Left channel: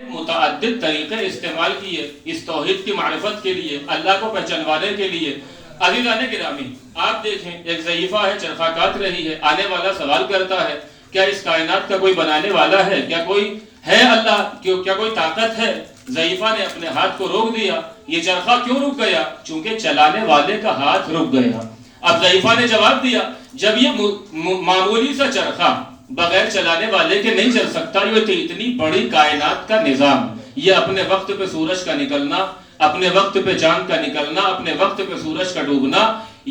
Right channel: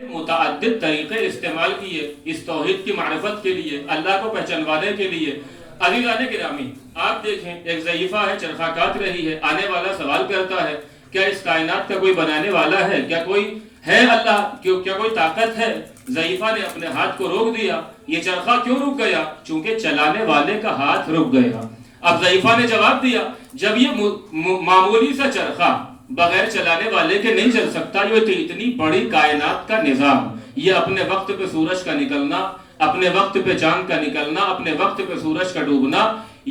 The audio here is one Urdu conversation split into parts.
متعدد طریقے استعمال کیے اس توحید کی معرفت کے لیے، اللہ کو پہچانوانے کے لیے۔ عزیزان گرامی، آپ دیکھیں ایک ضعیفہ ہے، چرخہ کاٹ رہی ہے، آنے والا سوال کرتا ہے کیا اس کائنات کا کوئی بنانے والا ہے؟ کیا کوئی ہے اللہ؟ کیا کوئی طاقت ہے؟ ضعیفہ نے اپنے ہاتھ کو روک دیا۔ یہ چرخہ کیوں رک گیا؟ چونکہ چلانے والے کا ہاتھ رک گیا۔ اب ضعیفہ نے جواب دیا جب یہ معمولی سا چرخہ بغیر چلانے والے کے نہیں چل سکتا، یہ اتنی بڑی کائنات کا نظام، یہ اپنے وقت پہ سورج کا نکلنا، اپنے وقت پہ چاند کا نکلنا، اپنے وقت پہ سورج کا ڈوبنا،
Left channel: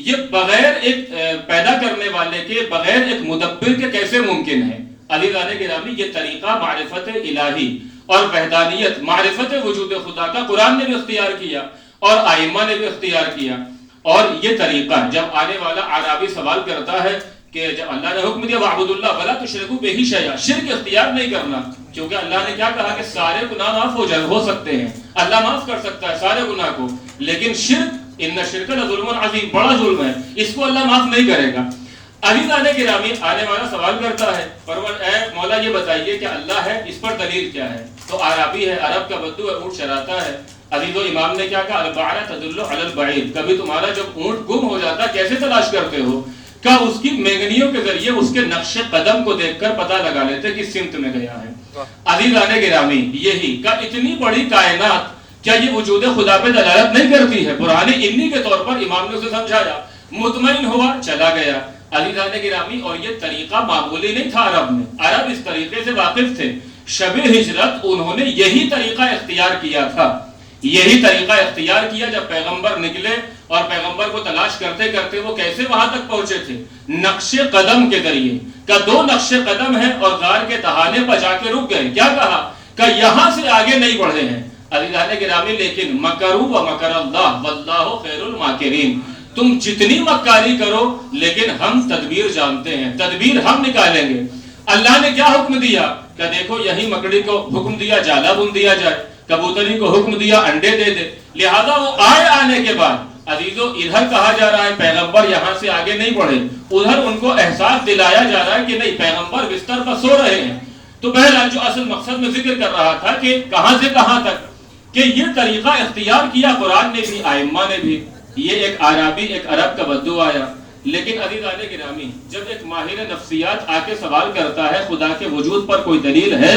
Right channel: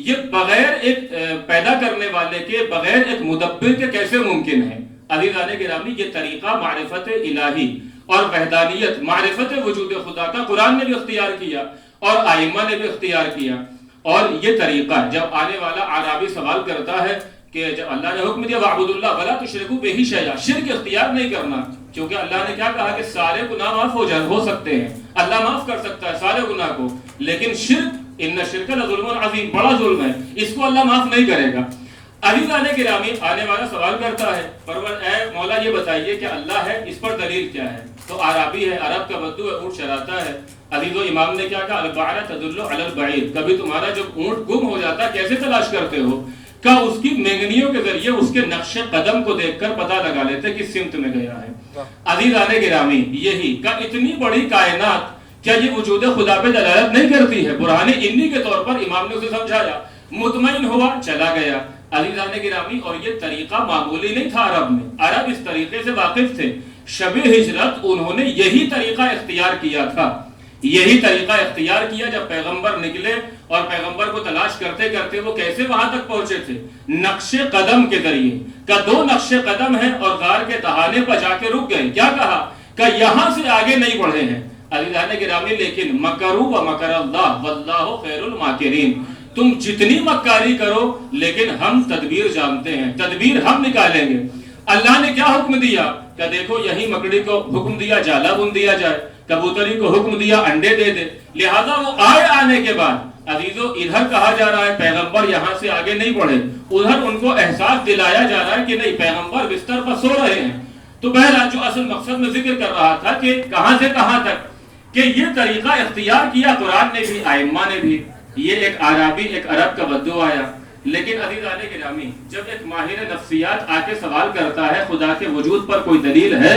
یہ بغیر ایک پیدا کرنے والے کے، بغیر ایک مدبر کے کیسے ممکن ہے؟ عزیزان گرامی، یہ طریقہ معرفت الہی اور وحدانیت، معرفت وجود خدا کا قرآن نے بھی اختیار کیا اور ائمہ نے بھی اختیار کیا۔ اور یہ طریقہ جب آنے والا اعرابی سوال کرتا ہے کہ جب اللہ نے حکم دیا وَاعْبُدُوا اللَّهَ وَلَا تُشْرِكُوا بِهِ شَيْئًا، شرک اختیار نہیں کرنا، کیونکہ اللہ نے کیا کہا کہ سارے گناہ معاف ہو سکتے ہیں، اللہ معاف کر سکتا ہے سارے گناہ کو، لیکن شرک، ان الشرک لظلم عظیم، بڑا ظلم ہے، اس کو اللہ معاف نہیں کرے گا۔ عزیزان گرامی، آنے والا سوال کرتا ہے اے مولا یہ بتائیے کہ اللہ ہے، اس پر دلیل کیا ہے؟ تو عربی ہے، عرب کا بدو ہے، اونٹ چراتا ہے۔ عزیزو، امام نے کیا کہا البعرہ تدل علی البعیر، کبھی تمہارا جب اونٹ گم ہو جاتا کیسے تلاش کرتے ہو؟ کہ اس کی مینگنیوں کے ذریعے اس کے نقش قدم کو دیکھ کر پتہ لگا لیتے کس سمت میں گیا ہے۔ عزیزان گرامی، یہی کہ اتنی بڑی کائنات کیا یہ وجود خدا پہ دلالت نہیں کرتی ہے؟ برہان انی کے طور پر امام نے اسے سمجھایا، مطمئن ہوا، چلا گیا۔ عزیزان گرامی، اور یہ طریقہ معمولی نہیں تھا عرب میں، عرب اس طریقے سے واقف تھے۔ شب ہجرت انہوں نے یہی طریقہ اختیار کیا تھا، یہی طریقہ اختیار کیا جب پیغمبر نکلے، اور پیغمبر کو تلاش کرتے کرتے وہ کیسے وہاں تک پہنچے تھے؟ نقش قدم کے ذریعے، کہ دو نقش قدم ہیں اور غار کے تہانے پر جا کے رک گئے۔ کیا کہا؟ کہ یہاں سے آگے نہیں بڑھے ہیں۔ عزیزان گرامی، لیکن مکروا ومکر اللہ واللہ خیر الماکرین، تم جتنی مکاری کرو لیکن ہم تدبیر جانتے ہیں، تدبیر ہم نکالیں گے۔ اللہ نے کیا حکم دیا؟ کہ دیکھو یہی مکڑی کو حکم دیا جالا بن دیا جائے، کبوتری کو حکم دیا انڈے دے دے، لہذا وہ آنے کے بعد عزیزو ادھر کہا جا رہا ہے پیغمبر یہاں سے آگے نہیں بڑھے، ادھر ان کو احساس دلایا جا رہا ہے کہ نہیں، پیغمبر بستر پر سو رہے ہیں۔ تو بہرحال جو اصل مقصد میں ذکر کر رہا تھا کہ کہاں سے کہاں تک کہ یہ طریقہ اختیار کیا قرآن نے بھی، ائمہ نے بھی۔ یہ ایک عربی، ایک عرب کا بدو آیا۔ لیکن عزیزان گرامی، جب ایک ماہر نفسیات آ کے سوال کرتا ہے خدا کے وجود پر کوئی دلیل ہے،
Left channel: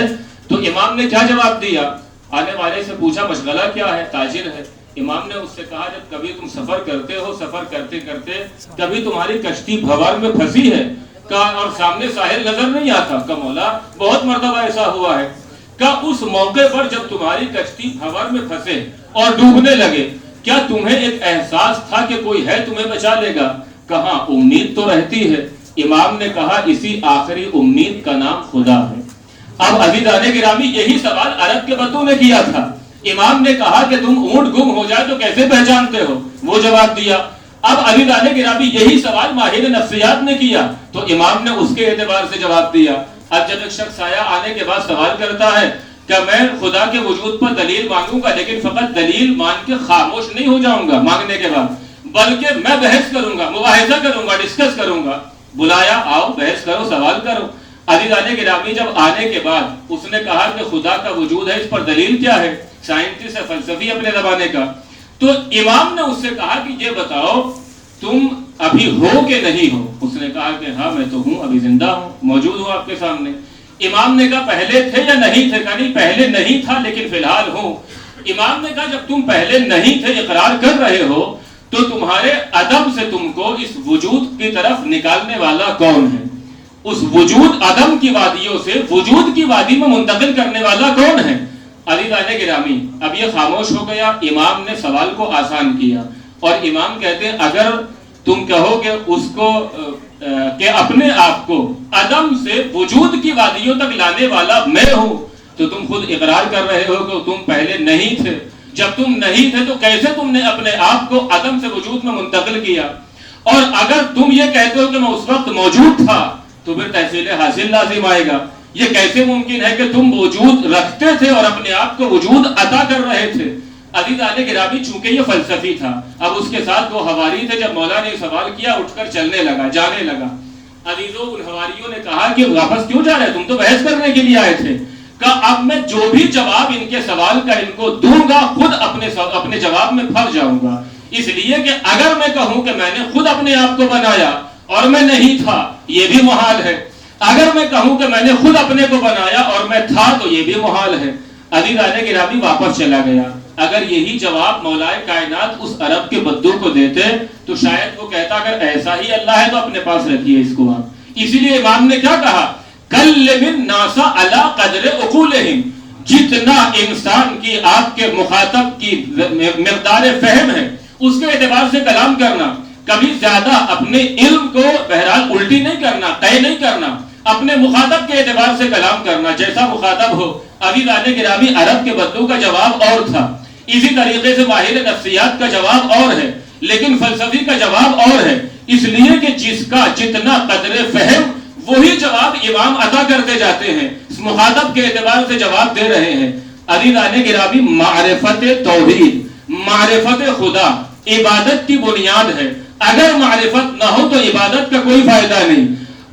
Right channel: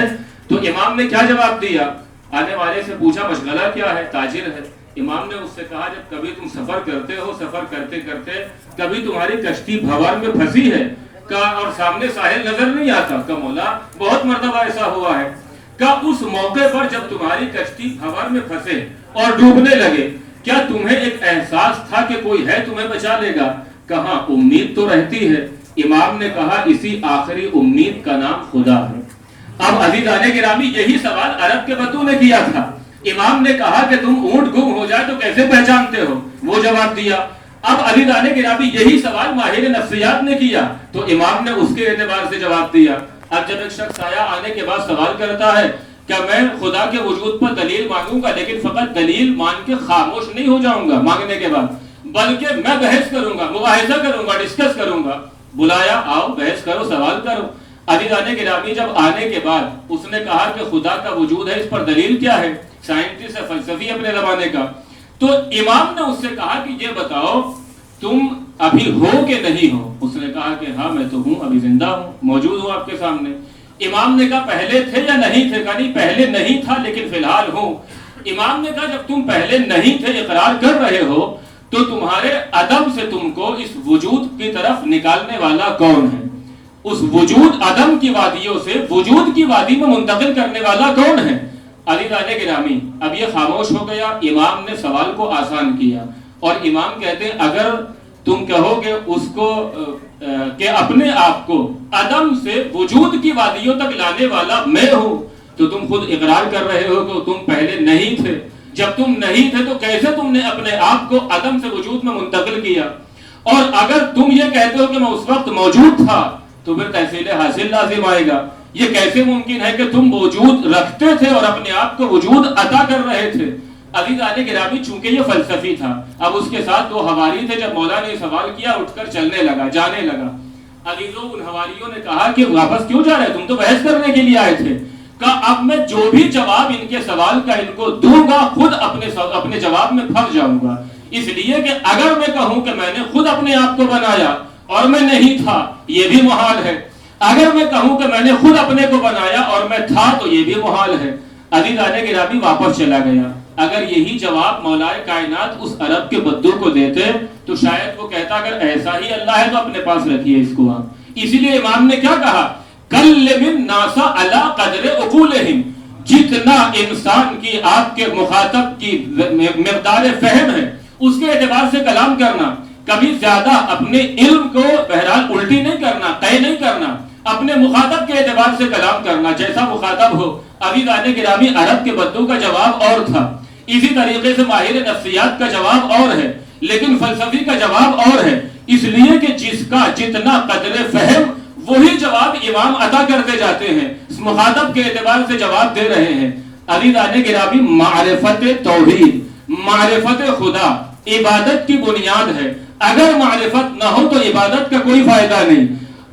تو امام نے کیا جواب دیا؟ آنے والے سے پوچھا مشغلہ کیا ہے؟ تاجر ہے۔ امام نے اس سے کہا جب کبھی تم سفر کرتے ہو، سفر کرتے کرتے کبھی تمہاری کشتی بھنور میں پھنسی ہے اور سامنے ساحل نظر نہیں آتا، کہ مولا بہت مرتبہ ایسا ہوا ہے، کہ اس موقع پر جب تمہاری کشتی بھنور میں پھنسے اور ڈوبنے لگے، کیا تمہیں ایک احساس تھا کہ کوئی ہے تمہیں بچا لے گا؟ کہاں امید تو رہتی ہے۔ امام نے کہا اسی آخری امید کا نام خدا ہے۔ اب عزیزان گرامی، یہی سوال عرب کے بدو نے کیا تھا۔ امام نے کہا کہ تم اونٹ گم ہو جائے تو کیسے پہچانتے ہو؟ وہ جواب دیا۔ اب عزیزان گرامی، یہی سوال ماہر نفسیات نے کیا، تو امام نے اس کے اعتبار سے جواب دیا۔ اب جب ایک شخص آیا آنے کے بعد سوال کرتا ہے کہ میں خدا کے وجود پر دلیل مانگوں گا، لیکن فقط دلیل مان کے خاموش نہیں ہو جاؤں گا مانگنے کے بعد، بلکہ میں بحث کروں گا، مباحثہ کروں گا، ڈسکس کروں گا۔ بلایا، آؤ بحث کرو، سوال کرو۔ عزیزان گرامی، جب آنے کے بعد اس نے کہا کہ خدا کا وجود ہے، اس پر دلیل کیا ہے؟ سائنٹسٹ ہے، فلسفی اپنے زمانے کا۔ تو امام نے اس سے کہا کہ یہ بتاؤ تم ابھی ہو کہ نہیں ہو؟ اس نے کہا کہ ہاں میں تو ہوں، ابھی زندہ ہوں، موجود ہوں آپ کے سامنے۔ امام نے کہا پہلے تھے یا نہیں تھے؟ کہا نہیں، پہلے نہیں تھا لیکن فی الحال ہوں۔ امام نے کہا جب تم پہلے نہیں تھے، اقرار کر رہے ہو، تو تمہارے عدم سے تم کو اس وجود کی طرف نکالنے والا کون ہے؟ اس وجود عدم کی وادیوں سے وجود کی وادی میں منتقل کرنے والا کون ہے؟ عزیزان گرامی، اب یہ خاموش ہو گیا۔ امام نے سوال کو آسان کیا، اور امام کہتے ہیں اگر تم کہو کہ اس کو کہ اپنے آپ کو عدم سے وجود کی وادیوں تک لانے والا میں ہوں، تو تم خود اقرار کر رہے ہو کہ تم پہلے نہیں تھے۔ جب تم نہیں تھے تو کیسے تم نے اپنے آپ کو عدم سے وجود میں منتقل کیا؟ اور اگر تم یہ کہتے ہو کہ میں اس وقت موجود تھا، تو پھر تحصیل حاصل لازم آئے گا۔ یہ کیسے ممکن ہے کہ تم وجود رکھتے تھے اور اپنے آپ کو وجود عطا کر رہے تھے؟ عزیزان گرامی، چونکہ یہ فلسفی تھا، اب اس کے ساتھ دو حواری تھے، جب مولا نے سوال کیا اٹھ کر چلنے لگا، جانے لگا۔ عزیزوں، ان حواریوں نے کہا کہ واپس کیوں جا رہے؟ تم تو بحث کرنے کے لیے آئے تھے۔ کہ اب میں جو بھی جواب ان کے سوال کا ان کو دوں گا خود اپنے جواب میں پھنس جاؤں گا، اس لیے کہ اگر میں کہوں کہ میں نے خود اپنے آپ کو بنایا اور میں نہیں تھا، یہ بھی محال ہے. اگر میں کہوں کہ میں نے خود اپنے کو بنایا اور میں تھا، تو یہ بھی محال ہے. عزیزان گرامی واپس چلا گیا. اگر یہی جواب مولائے کائنات اس عرب کے بدو کو دیتے تو شاید وہ کہتا اگر ایسا ہی اللہ ہے تو اپنے پاس رکھیے اس کو آپ. اسی لیے امام نے کیا کہا، کلم الناس علی قدر عقولہم، جتنا انسان کی آپ کے مخاطب کی مقدار فہم ہے اس کے اعتبار سے کلام کرنا. کبھی زیادہ اپنے علم کو بہرحال الٹی نہیں کرنا، طے نہیں کرنا، اپنے مخاطب کے اعتبار سے کلام کرنا جیسا مخاطب ہو. عزیزان گرامی عرب کے بدو کا جواب اور تھا، اسی طریقے سے ماہر نفسیات کا جواب اور ہے، لیکن فلسفی کا جواب اور ہے. اس لیے کہ جس کا جتنا قدر فہم وہی جواب امام عطا کرتے جاتے ہیں، مخاطب کے اعتبار سے جواب دے رہے ہیں. عزیزان گرامی معرفت توحید، معرفت خدا عبادت کی بنیاد ہے. اگر معرفت نہ ہو تو عبادت کا کوئی فائدہ نہیں.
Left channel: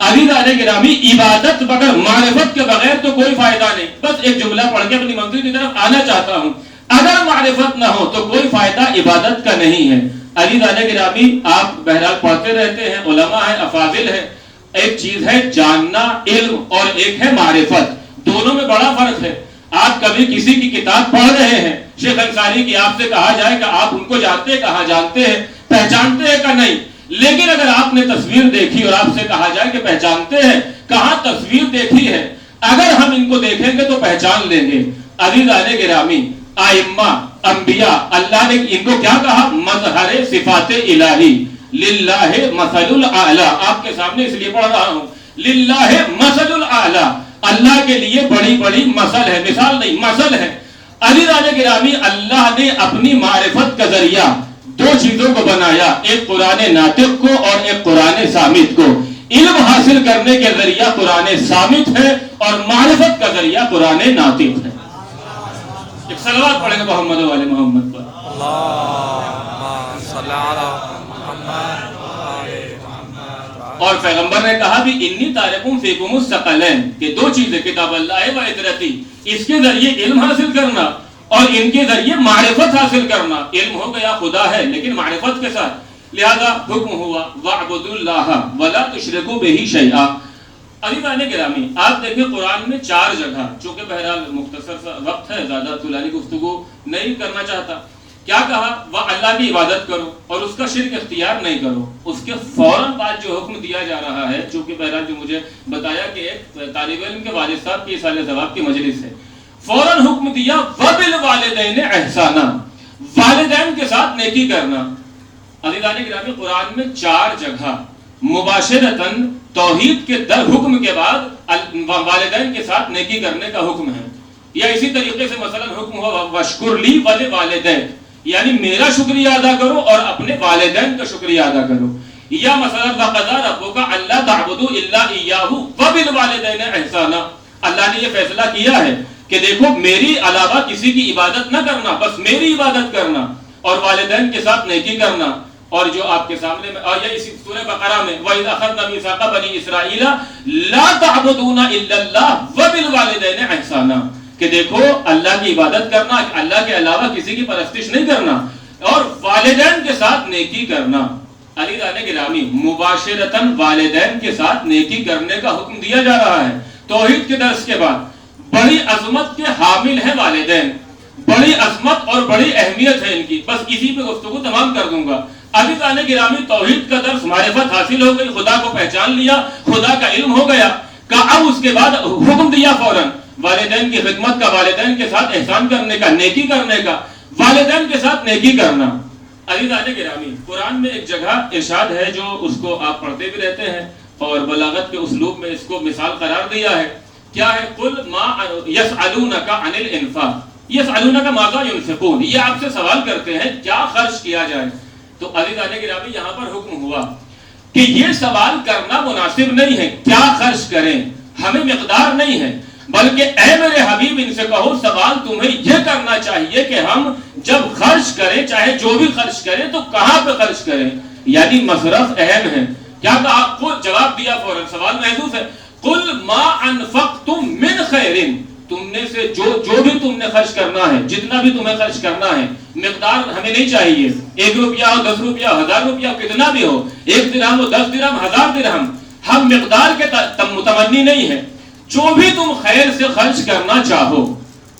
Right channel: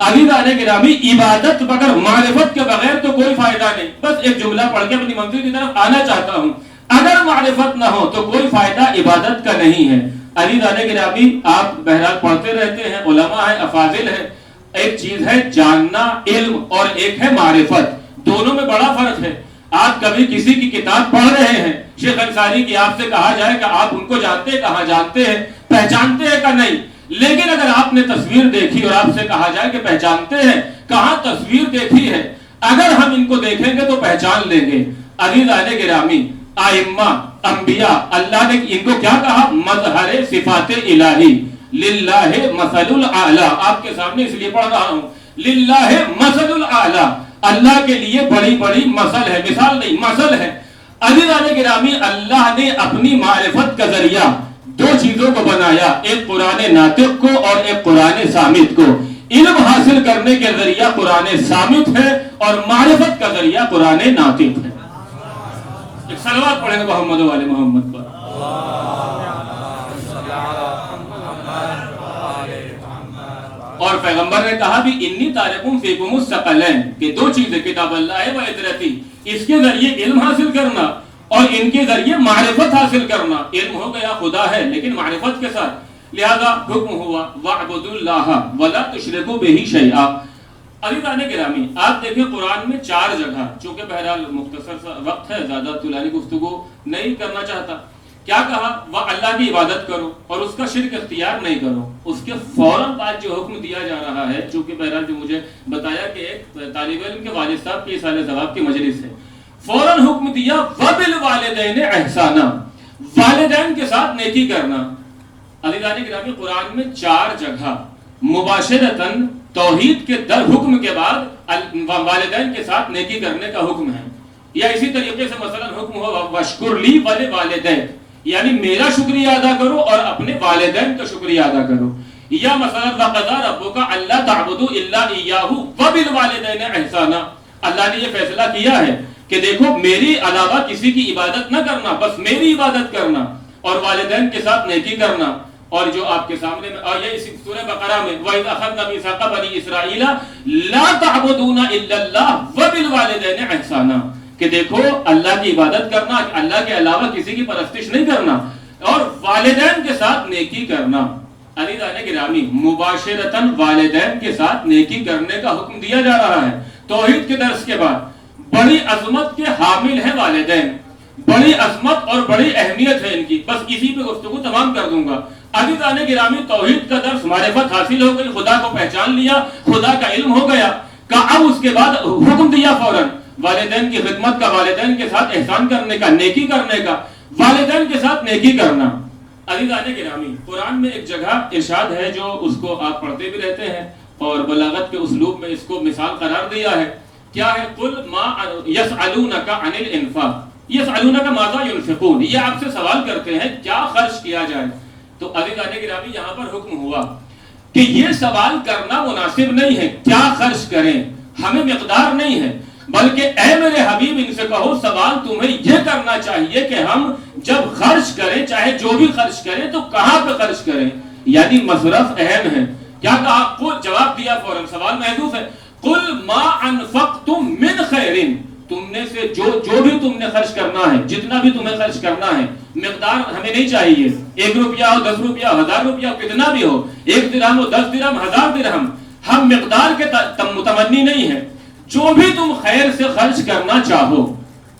عزیزان گرامی عبادت بغیر معرفت کے بغیر تو کوئی فائدہ نہیں. بس ایک جملہ پڑھ کے اپنی منزل کی طرف آنا چاہتا ہوں، اگر معرفت نہ ہو تو کوئی فائدہ عبادت کا نہیں ہے. عزیزان گرامی آپ بہرحال پڑھتے رہتے ہیں، علماء ہیں، افاضل ہیں. ایک چیز ہے جاننا علم اور ایک ہے معرفت، دونوں میں بڑا فرق ہے. آپ کبھی کسی کی کتاب پڑھ رہے ہیں، شیخ انصاری کی آپ سے کہا جائے کہ آپ ان کو جانتے ہیں، کہاں جانتے ہیں، پہچانتے ہیں کہ نہیں. لیکن اگر آپ نے تصویر دیکھی اور آپ سے کہا جائے کہ پہچانتے ہیں، کہاں تصویر دیکھی ہے، اگر ہم ان کو دیکھیں گے تو پہچان لیں گے. عزیزان گرامی ائمہ انبیاء اللہ نے ان کو کیا کہا، مظہر صفات الہی، للہ مثل الاعلی. آپ کے سامنے اس لیے پڑھ رہا ہوں، للہ مثل الاعلی، اللہ کے لیے بڑی بڑی مثل ہے، مثال نہیں مثل ہے. عزیزان گرامی اللہ نے اپنی معرفت کا ذریعہ دو چیزوں کو بنایا، ایک قرآن ناطق کو اور ایک قرآن صامت کو. علم حاصل کرنے کے ذریعہ قرآن صامت ہے اور معرفت کا ذریعہ قرآن ناطق ہے. ایک صلوات پڑھیں گے محمد و آل محمد پر. اور پیغمبر نے کہا بھی انی تارکم فیکم الثقلین، کہ دو چیزیں کتاب اللہ و عترتی، اس کے ذریعے علم حاصل کرنا اور ان کے ذریعے معرفت حاصل کرنا. علم ہو گیا خدا ہے لیکن معرفت کے ساتھ، لہذا حکم ہوا وَاعْبُدُوا اللَّهَ وَلَا تُشْرِكُوا بِهِ شَيْئًا. عزیزان گرامی آپ دیکھیں قرآن میں 4 جگہ، چونکہ بہرحال مختصر سا وقت ہے، زیادہ طولانی گفتگو نہیں کرنا چاہتا. کیا کہا، وہ اللہ کی عبادت کرو اور اس کا شرک اختیار نہیں کرو. اس کے فوراً بعد جو حکم دیا جا رہا ہے، چونکہ بہرحال جو مجھے بتایا کہ ایک طالب علم کے والد صاحب کی سال ثواب کی مجلس ہے، فوراً حکم دیا وَبِالْوَالِدَيْنِ احسانا، والدین کے ساتھ نیکی کرنا. عزیزان گرامی قرآن میں 4 جگہ مباشرتاً توحید کے حکم کے بعد والدین کے ساتھ نیکی کرنے کا حکم ہے. یا اسی طریقے سے مثلا حکم ہوا وَاشْكُرْ لِي وَلِوَالِدَيْكَ، یعنی میرا شکریہ ادا کرو اور اپنے والدین کا شکریہ ادا کرو. یا مثلا وَقَضَىٰ رَبُّكَ أَلَّا تَعْبُدُوا إِلَّا إِيَّاهُ وَبِالْوَالِدَيْنِ احسانا. اللہ نے یہ فیصلہ کیا ہے کہ دیکھو میری علاوہ کسی کی عبادت نہ کرنا، بس میری عبادت کرنا اور والدین کے ساتھ نیکی کرنا. اور جو آپ کے سامنے میں، اور یہ اسی سورہ بقرہ میں وَإِذْ أَخَذْنَا مِيثَاقَ بَنِي إِسْرَائِيلَ لَا تَعْبُدُونَ إِلَّا اللَّهَ وَبِالْوَالِدَيْنِ احسانا، کہ دیکھو اللہ کی عبادت کرنا، اللہ کے علاوہ کسی کی پرستش نہیں کرنا اور والدین کے ساتھ نیکی کرنا. عزیزان گرامی مباشرتاً والدین کے ساتھ نیکی کرنے کا حکم دیا جا رہا ہے. توحید کے درس کے بعد بڑی عظمت کے حامل ہیں والدین، بڑی عظمت اور بڑی اہمیت ہے ان کی. بس اسی پہ گفتگو تمام کر دوں گا. عزیزان گرامی توحید کا درس، معرفت حاصل ہو گئی، خدا کو پہچان لیا، خدا کا علم ہو گیا کہ اب اس کے بعد حکم دیا فوراً والدین کی خدمت کا، والدین کے ساتھ احسان کرنے کا، نیکی کرنے کا، والدین کے ساتھ نیکی کرنا. عزیزان گرامی قرآن میں ایک جگہ ارشاد ہے جو اس کو آپ پڑھتے بھی رہتے ہیں اور بلاغت کے اسلوب میں اس کو مثال قرار دیا ہے. کیا ہے، قُلْ مَا يَسْأَلُونَكَ عَنِ الْإِنفَاقِ يَسْأَلُونَكَ مَاذَا يُنْفِقُونَ، یہ آپ سے سوال کرتے ہیں کیا خرچ کیا جائے. تو عزیزان گرامی یہاں پر حکم ہوا کہ یہ سوال کرنا مناسب نہیں ہے کیا خرچ کریں، ہمیں مقدار نہیں ہے، بلکہ اے میرے حبیب ان سے کہو سوال تمہیں یہ کرنا چاہیے کہ ہم جب خرچ کریں، چاہے جو بھی خرچ کریں، تو کہاں پہ خرچ کریں، یعنی مصرف اہم ہے. کیا کہا، جواب دیا فوراً، سوال محذوف ہے. قُلْ مَا أَنفَقْتُم مِّنْ خَيْرٍ، تم نے سے جو بھی تم نے خرچ کرنا ہے، جتنا بھی تمہیں خرچ کرنا ہے، مقدار ہمیں نہیں چاہیے، 1 روپیہ ہو، 10 روپیہ ہو، 1000 روپیہ ہو، کتنا بھی ہو، 1 درہم ہو، 10 درہم، 1000 درہم، ہم مقدار کے متمنی نہیں ہے، جو بھی تم خیر سے خرچ کرنا چاہو،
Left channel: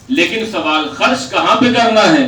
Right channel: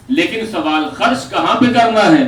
لیکن سوال خرچ کہاں پہ کرنا ہے؟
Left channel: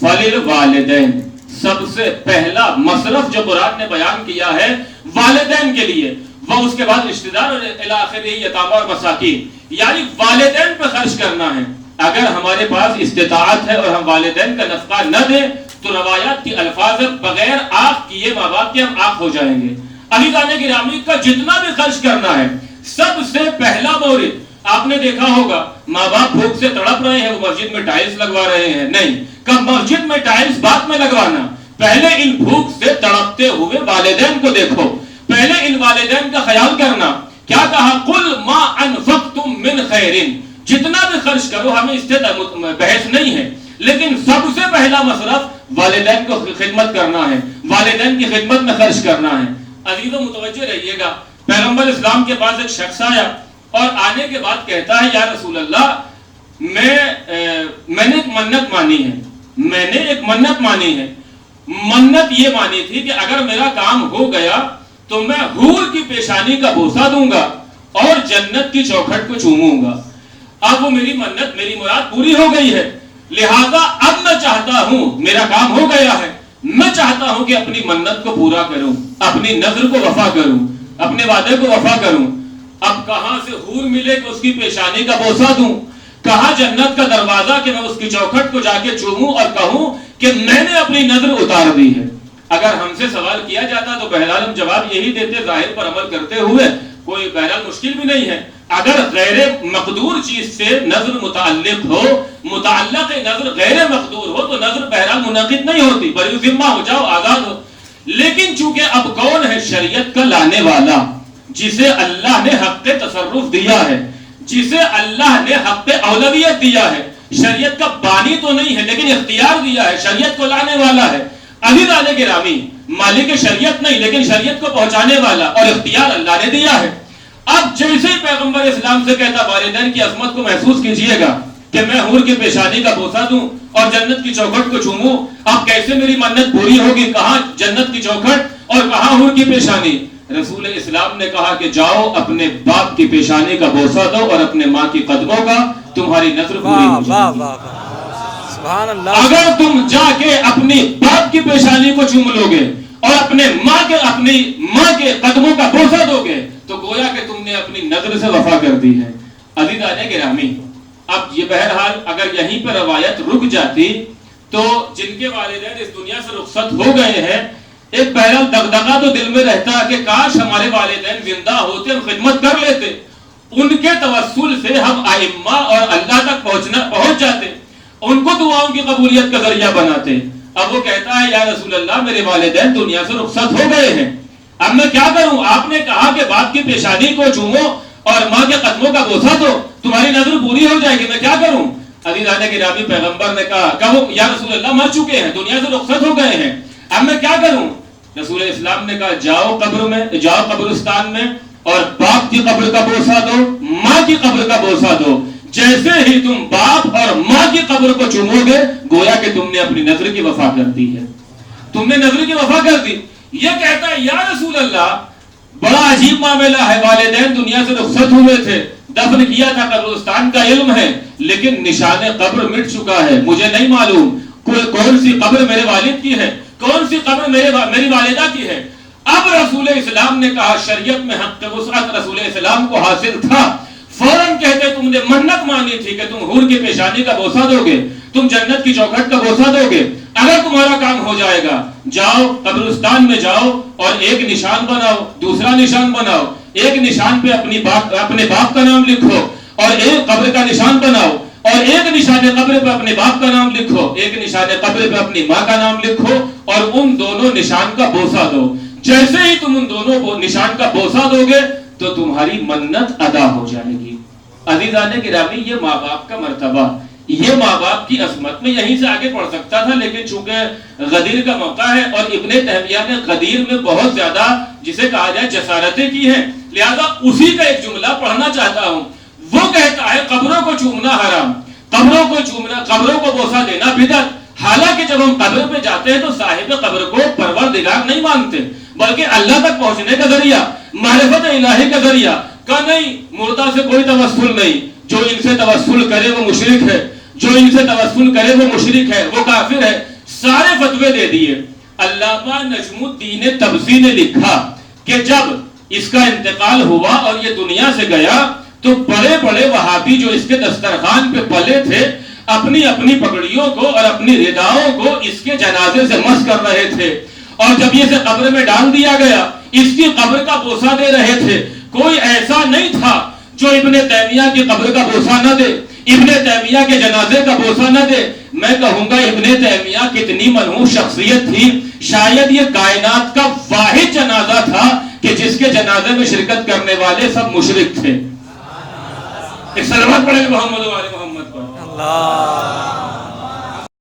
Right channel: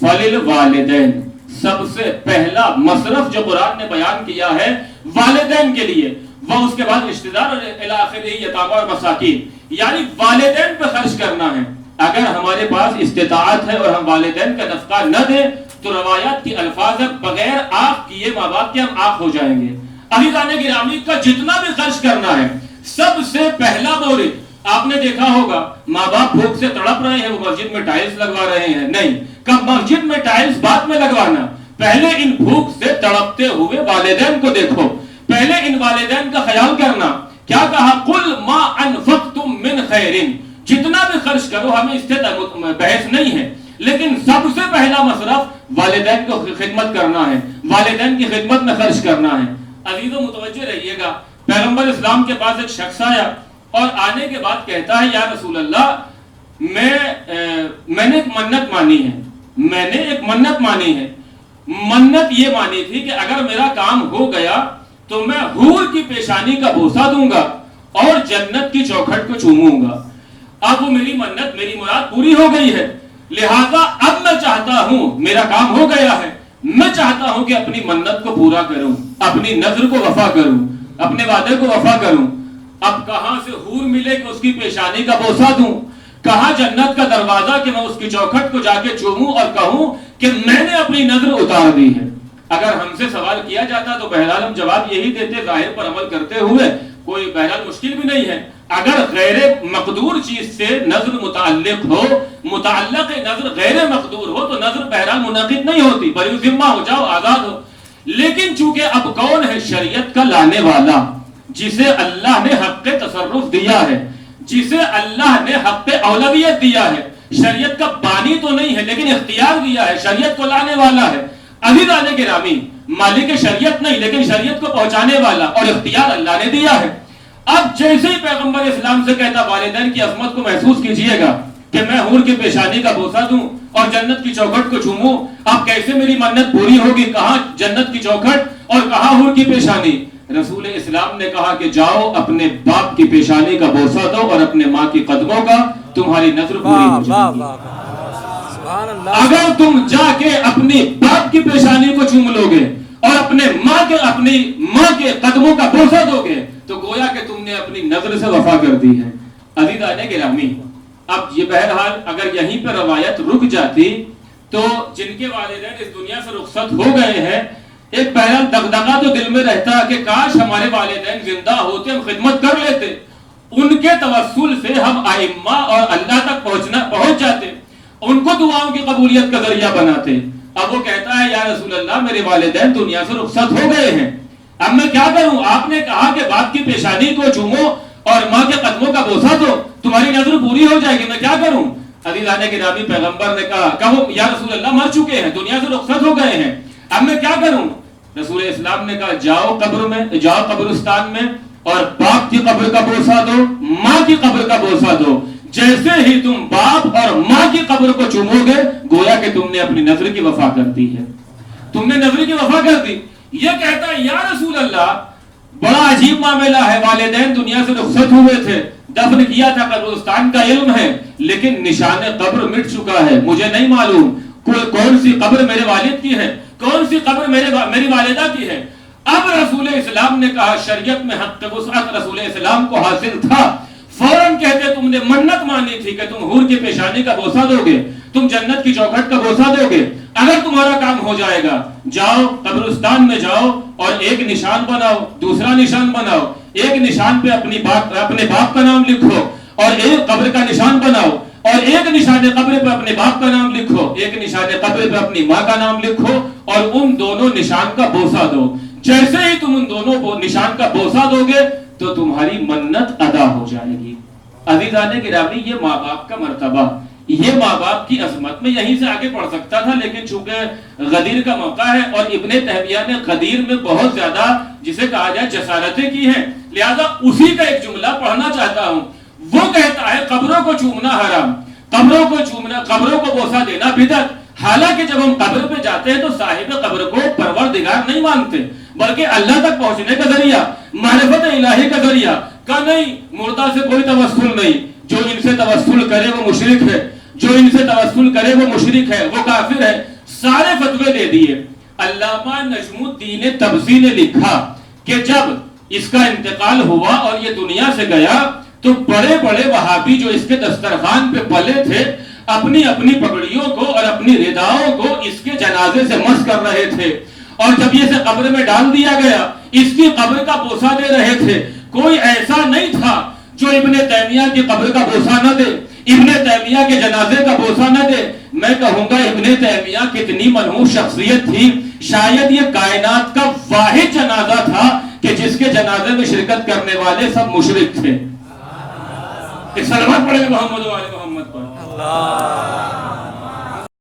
فَلِلْوَالِدَيْنِ، سب سے پہلا مصرف جو قرآن نے بیان کیا ہے والدین کے لیے، وہ اس کے بعد رشتہ دار اور الاخر یتامى اور مساکین، یعنی والدین پہ خرچ کرنا ہے۔ اگر ہمارے پاس استطاعت ہے اور ہم والدین کا نفقہ نہ دیں تو روایات کی الفاظ ہے بغیر آنکھ کیے ماں باپ کے ہم آنکھ ہو جائیں گے۔ عزیزان گرامی کا جتنا بھی خرچ کرنا ہے، سب سے پہلا مورد آپ نے دیکھا ہوگا، ماں باپ بھوک سے تڑپ رہے ہیں، وہ مسجد میں ٹائلز لگوا رہے ہیں، نہیں، کب مسجد میں ٹائلز بعد میں لگوانا، پہلے ان بھوک سے تڑپتے ہوئے والدین کو دیکھو، پہلے ان والدین کا خیال کرنا۔ کیا کہا؟ قُلْ مَا أَنفَقْتُم مِّنْ خَيْرٍ، جتنا بھی خرچ کرو، ہمیں اس سے بحث نہیں ہے، لیکن سب سے پہلا مصرف والدین کو خدمت کرنا ہے، والدین کی خدمت میں خرچ کرنا ہے۔ عزیزو متوجہ رہیے گا، پیغمبر اسلام کے پاس ایک شخص آیا اور آنے کے بعد کہتا ہے، یا رسول اللہ، میں نے ایک منت مانی ہے، میں نے ایک منت مانی ہے، منت یہ مانی تھی کہ اگر میرا کام ہو گیا تو میں حور کی پیشانی کا بوسہ دوں گا اور جنت کی چوکھٹ کو چوموں گا۔ اب وہ میری منت، میری مراد پوری ہو گئی ہے، لہذا اب میں چاہتا ہوں، میرا کام ہو گیا ہے، میں چاہتا ہوں کہ اپنی منت کو پورا کروں، اپنی نظر کو وفا کروں، اپنے وعدے کو وفا کروں۔ اب کہاں سے حور ملے کہ اس کی پیشانی کا بوسہ دوں، کہاں جنت کا دروازہ کہ میں اس کی چوکھٹ کو جا کے چوموں اور کہوں کہ میں نے اپنی نظر اتار دی ہے۔ اگر ہم سے سوال کیا جاتا تو بہرحال ہم جواب یہی دیتے، ظاہر پر عمل کرتے ہوئے، کوئی بہرحال مشکل بھی نہیں ہے۔ اگر غیر مقدور چیز سے نظر متعلق ہو، متعلق نظر غیر مقدور ہو تو نظر بہرحال منعقد نہیں ہوتی، بری ذمہ ہو جاؤ، آزاد ہو۔ لیکن چونکہ اب کون ہے شریعت کا لانے والا، جسے اللہ نے حق تصرف دیا ہے، جسے اللہ نے حق اولویت دیا ہے، شریعت کا بانی تو نہیں ہے لیکن اختیار دیا ہے، شریعت کو لانے والا ہے۔ عزیزان گرامی، مالک شریعت نہیں لیکن شریعت کو پہنچانے والا اور اختیار اللہ نے دیا ہے۔ اب جیسے ہی پیغمبر اسلام سے کہتا والدین کی عظمت کو محسوس کیجئے گا کہ میں حور کی پیشانی کا بوسہ دوں اور جنت کی چوکھٹ کو چوموں، اب کیسے میری منت پوری ہوگی؟ کہاں جنت کی چوکھٹ اور کہاں حور کی پیشانی؟ رسول اسلام نے کہا کہ جاؤ اپنے باپ کی پیشانی کا بوسہ دو اور اپنے ماں کی قدموں کا، تمہاری نظر پوری ہو جائے گی۔ اگر تم جا کے اپنی باپ کی پیشانی کو چوم لو گے اور اپنی ماں کے قدموں کا بوسہ دو گے تو گویا کہ تم نے اپنی نظر سے وفا کر دی ہے۔ عزیزان گرامی، اب یہ بہرحال اگر یہیں پر روایت رک جاتی تو جن کے والدین اس دنیا سے رخصت ہو گئے ہیں، ایک بہرحال دغدغہ تو دل میں رہتا ہے کہ کاش ہمارے والدین زندہ ہوتے، ہم خدمت کر لیتے، ان کے توسل سے ہم ائمہ اور اللہ تک پہنچ جاتے، ان کو دعاؤں کی قبولیت کا ذریعہ بناتے۔ اب وہ کہتا ہے، یا رسول اللہ، میرے والدین دنیا سے رخصت ہو گئے ہیں، اب میں کیا کروں؟ آپ نے کہا کہ باپ کی پیشانی کو چومو اور ماں کے قدموں کا بوسہ دو، تمہاری نظر پوری ہو جائے گی، میں کیا کروں؟ عزیزان گرامی، پیغمبر نے کہا وہ یا رسول اللہ مر چکے ہیں، دنیا سے رخصت ہو گئے ہیں، اب میں کیا کروں؟ رسول اسلام نے کہا جاؤ قبر میں، جاؤ قبرستان میں اور باپ کی قبر کا بوسہ دو، ماں کی قبر کا بوسہ دو۔ جیسے ہی تم باپ اور ماں کی قبر کو چومو گے گویا کہ تم نے اپنی نظر کی وفا کر دی ہے، تم نے نظر کی وفا کر دی۔ یہ کہتا ہے یا رسول اللہ بڑا عجیب معاملہ ہے، والدین دنیا سے رخصت ہوئے تھے، دفن کیا تھا، قبرستان کا علم ہے، لیکن نشان قبر مٹ چکا ہے، مجھے نہیں معلوم کون سی قبر میرے والد کی ہے، کون سی قبر میری والدہ کی ہے۔ اب رسول اسلام نے کہا، شریعت میں حق وسعت رسول اسلام کو حاصل تھا، فوراً کہتے تم نے منت مانی تھی کہ تم حور کی پیشانی کا بوسہ دو گے، تم جنت کی چوکھٹ کا بوسہ دو گے، اگر تمہارا کام ہو جائے گا جاؤ قبرستان میں جاؤ اور ایک نشان بناؤ، دوسرا نشان بناؤ، ایک نشان پہ اپنے باپ کا نام لکھو اور ایک قبر کا نشان بناؤ، اور ایک نشان قبر پہ اپنے باپ کا نام لکھو، ایک نشان قبر پہ اپنی ماں کا نام لکھو اور ان دونوں نشان کا بوسہ دو۔ جیسے ہی تم ان دونوں نشان کا بوسہ دو گے تو تمہاری منت ادا ہو جائے گی۔ عزیزان گرامی، یہ ماں باپ کا مرتبہ، یہ ماں باپ کی عظمت، میں یہیں سے آگے پڑھ سکتا تھا لیکن چونکہ غدیر کا موقع ہے اور ابن تیمیہ نے غدیر میں بہت زیادہ جسے کہا جائے جسارتیں کی ہیں، لہذا اسی کا ایک جملہ پڑھنا چاہتا ہوں۔ وہ کہتا ہے قبروں کو چومنا حرام، قبروں کو چومنا، قبروں کو بوسہ دینا بدعت۔ حالانکہ جب ہم قبر پہ جاتے ہیں تو صاحب قبر کو پروردگار نہیں مانتے بلکہ اللہ تک پہنچنے کا ذریعہ، معرفت الہی کا ذریعہ کا نہیں۔ مردہ سے کوئی توسل نہیں، جو ان سے توسل کرے وہ مشرک ہے، جو ان سے توسل کرے وہ مشرک ہے، وہ کافر ہے، سارے فتوے دے دیے۔ علامہ نجم الدین تبزی نے لکھا کہ جب اس کا انتقال ہوا اور یہ دنیا سے گیا تو بڑے بڑے وہابی جو اس کے دسترخوان پہ پلے تھے اپنی اپنی پگڑیوں کو اور اپنی رداؤں کو اس کے جنازے سے مس کر رہے تھے، اور جب یہ اسے قبر میں ڈال دیا گیا اس کی قبر کا بوسہ دے رہے تھے۔ کوئی ایسا نہیں تھا جو ابن تیمیہ کی قبر کا بوسہ نہ دے، ابن تیمیہ کے جنازے کا بوسہ نہ دے۔ میں کہوں گا ابن تیمیہ کتنی منحوس شخصیت تھی، شاید یہ کائنات کا واحد جنازہ تھا کہ جس کے جنازے میں شرکت کرنے والے سب مشرک تھے۔ ایک سلوات پڑھیں محمد و آل محمد پر۔ اللہ